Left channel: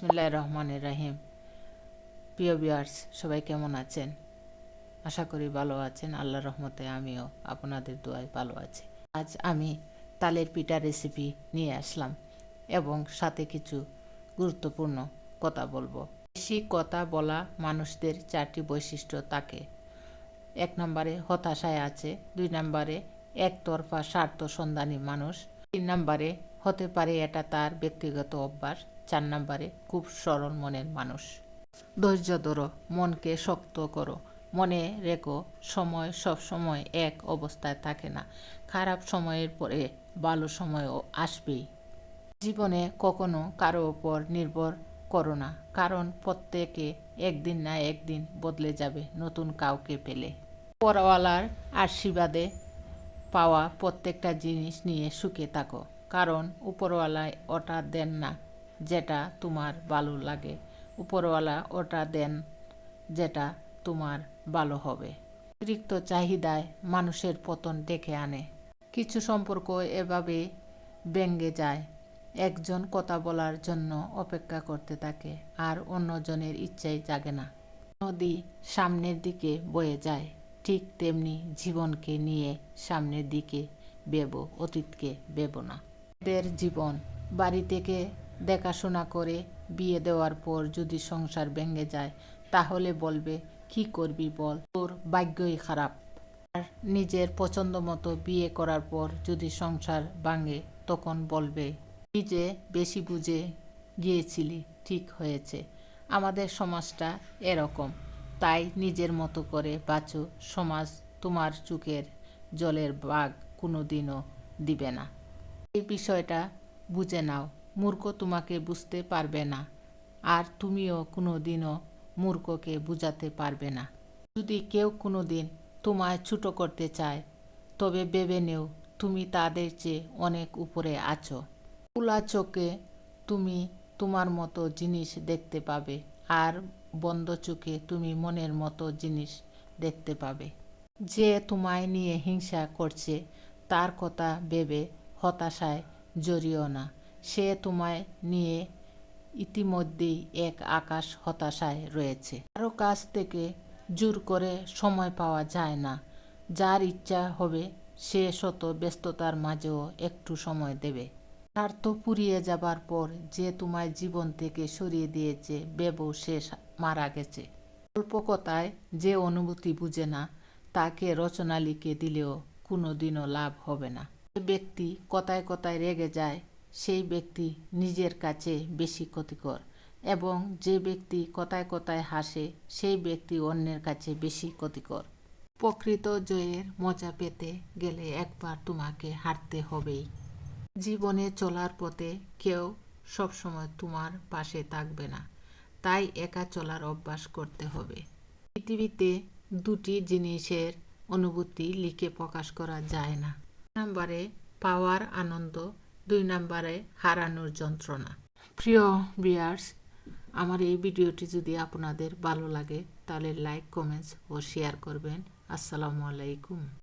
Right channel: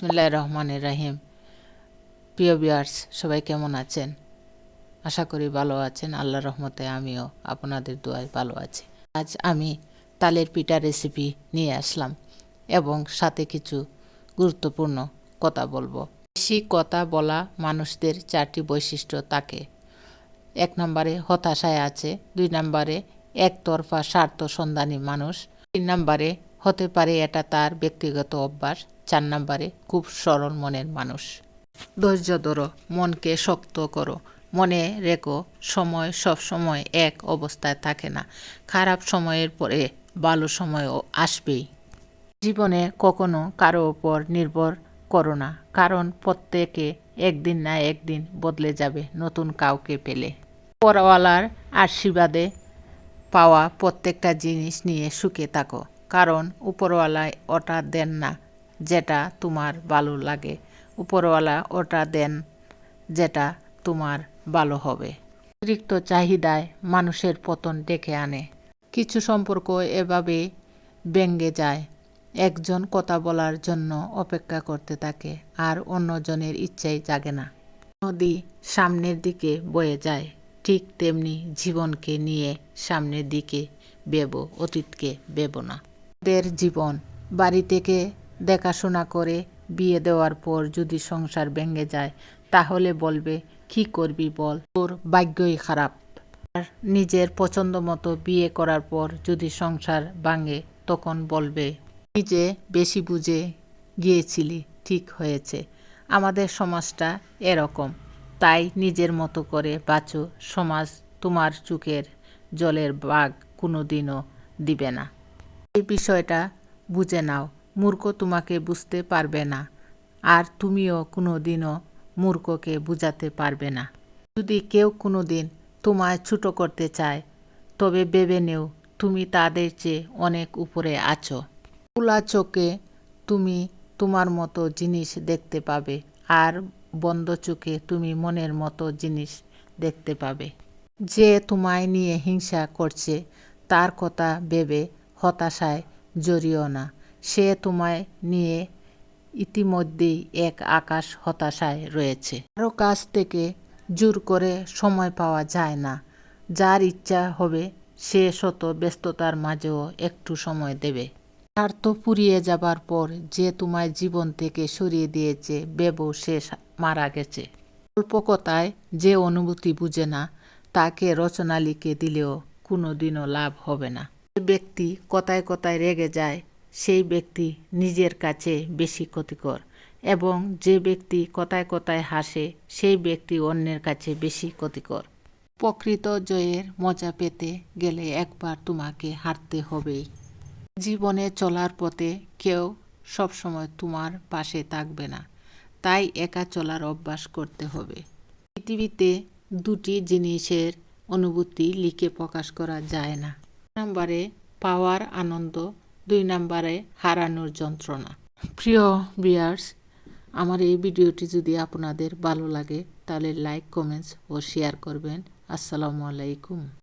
বিসমিল্লাহির রহমানির রহিম। প্রিয় ভিউয়ার্স, সবাই কেমন আছেন? আশা করি ভালো আছেন। আল্লাহর রহমতে আমিও আপনাদের দোয়ায় ভালো আছি। আজ আমি তালের পিঠা রেসিপি নিয়ে আসলাম এবং সাথে কিছু গুরুত্বপূর্ণ কথা বলবো। বেশি কথা বলা মানুষদের 4টি বৈশিষ্ট্য থাকে। 1 নম্বরে হতাশায় আছে, 2 নম্বরে একতরফা স্বার্থ সন্ধানী মানুষ, 3 নম্বরে হতে পারে এটা তার ব্যক্তিগত অভ্যাস, 4 নম্বরে খুব সরল মনের মানুষ। ধৈর্য ধরো, মনকে শক্ত করো, মনে রেখো সময় সব সময় এক অবস্থায় থাকে না। খারাপ সময়ের পরে ভালো সময়ও আসবেই। জীবনে কখনো কারো ওপর নির্ভর করো না, কারণ প্রত্যেকে একদিন না একদিন বদলে যাবে নতুন কাউকে পেলে। উপরওয়ালার আশীর্বাদে পাওয়া প্রত্যেকটা জিনিস নিয়ে সুখে থাকো, কারণ উপরওয়ালায় ওটা দেন না যেটা তোমার ভালো লাগে, উপরওয়ালা ওটা দেন যেটা তোমার ভালো হবে। অতিরিক্ত চাহিদায় মানুষের পতন ডেকে আনে। কিছু সম্পর্ক এভাবে ভেঙে যায়, একজন কথা বলার জন্য অপেক্ষা করতে থাকে আর অন্যজনের ইচ্ছাই জাগে না। নদী সামনের দিকে বয়ে যায়, ঠিক তেমনি জীবনকে নিয়ে সামনের দিকে ভেবো, অতীতকে ভেবো না। ওদের জীবন বাড়ি থেকে দেখাশোনা করে বিয়ে দেওয়ার পর যদি সংসার ভেঙে যায় তাহলে বলবে কি করবি বল, তোর ভাগ্যই খারাপ। আর নিজের পছন্দ মতো বিয়ে করার পর যদি সংসার ভাঙে তখন বলবে নিজে বেশি বুঝে গিয়েছিলি, ঠিক হয়েছে। আমাদের সমাজটা এরকম, তাই নিজের মতো করে বাঁচো। সমাজ তোমার চোখের জলের ভাগ কোনোদিনও দিবে না। এই বিষয়টা বুঝে নাও, মূর্খ তোমাকে বুঝতে পারবে না আর তুমিও কোনোদিনও মূর্খকে বুঝাতে পারবে না। যদি কেউ কোনোদিন তোমায় ছোট করতে চায় তবে ভেবে নেও তুমি তাদের চেয়ে অনেক উপরে আছো। খোলা চোখে তুমি তোমার মতো জিনিস দেখতে পাবে আর বন্ধ চোখে তুমি মনের মতো জিনিস দেখতে পাবে। যে তোমায় নিয়ে হিংসা করছে তার কথা ভেবে হতাশায় জড়িও না, সে তোমায় নিয়ে ইতিমধ্যেই এক আকাশ হতাশায় রয়েছে। কারো কাছ থেকে জোর করে সময় পাওয়া যায় না, যার ইচ্ছা হবে সে শত ব্যস্ততার মাঝেও একটু সময় দেবে। স্বার্থ ফুরিয়ে যাবার পর যে তোমায় জীবন থেকে সরিয়ে দিয়েছে ভেবো সে মারা গেছে। অল্প কথায় যে অনুভূতি বুঝে না তাকে রচনা লিখে দিলেও কোনোদিনও লাভ হবে না। যে ব্যক্তি কথায় কথায় রেগে যায় সেই ব্যক্তি নিজের কাছে বেশি ক্ষতিকর, এবং যে ব্যক্তি কথায় কথায় হাসে সেই ব্যক্তি অন্যের কাছে বেশি ক্ষতিকর। প্রকৃত জয়ের মজা পেতে গেলে একবার তোমাকে হারতে হবেই। জীবনে চলার পথে কেউ সবসময় তোমার পাশে থাকবে না, তাই একা চলার অভ্যাস করতে হবে। পৃথিবীতে দুটি জিনিসের অনুভূতি লিখে প্রকাশ করা যায় না, 1 নম্বরে পাওয়ার আনন্দ, 2 নম্বরে হারানোর যন্ত্রণা। প্রিয় ভিউয়ার্স, আমার এই ভিডিওটি যদি আপনাদের ভালো লাগে তাহলে লাইক, কমেন্টস ও শেয়ার করবেন। আসসালামু আলাইকুম।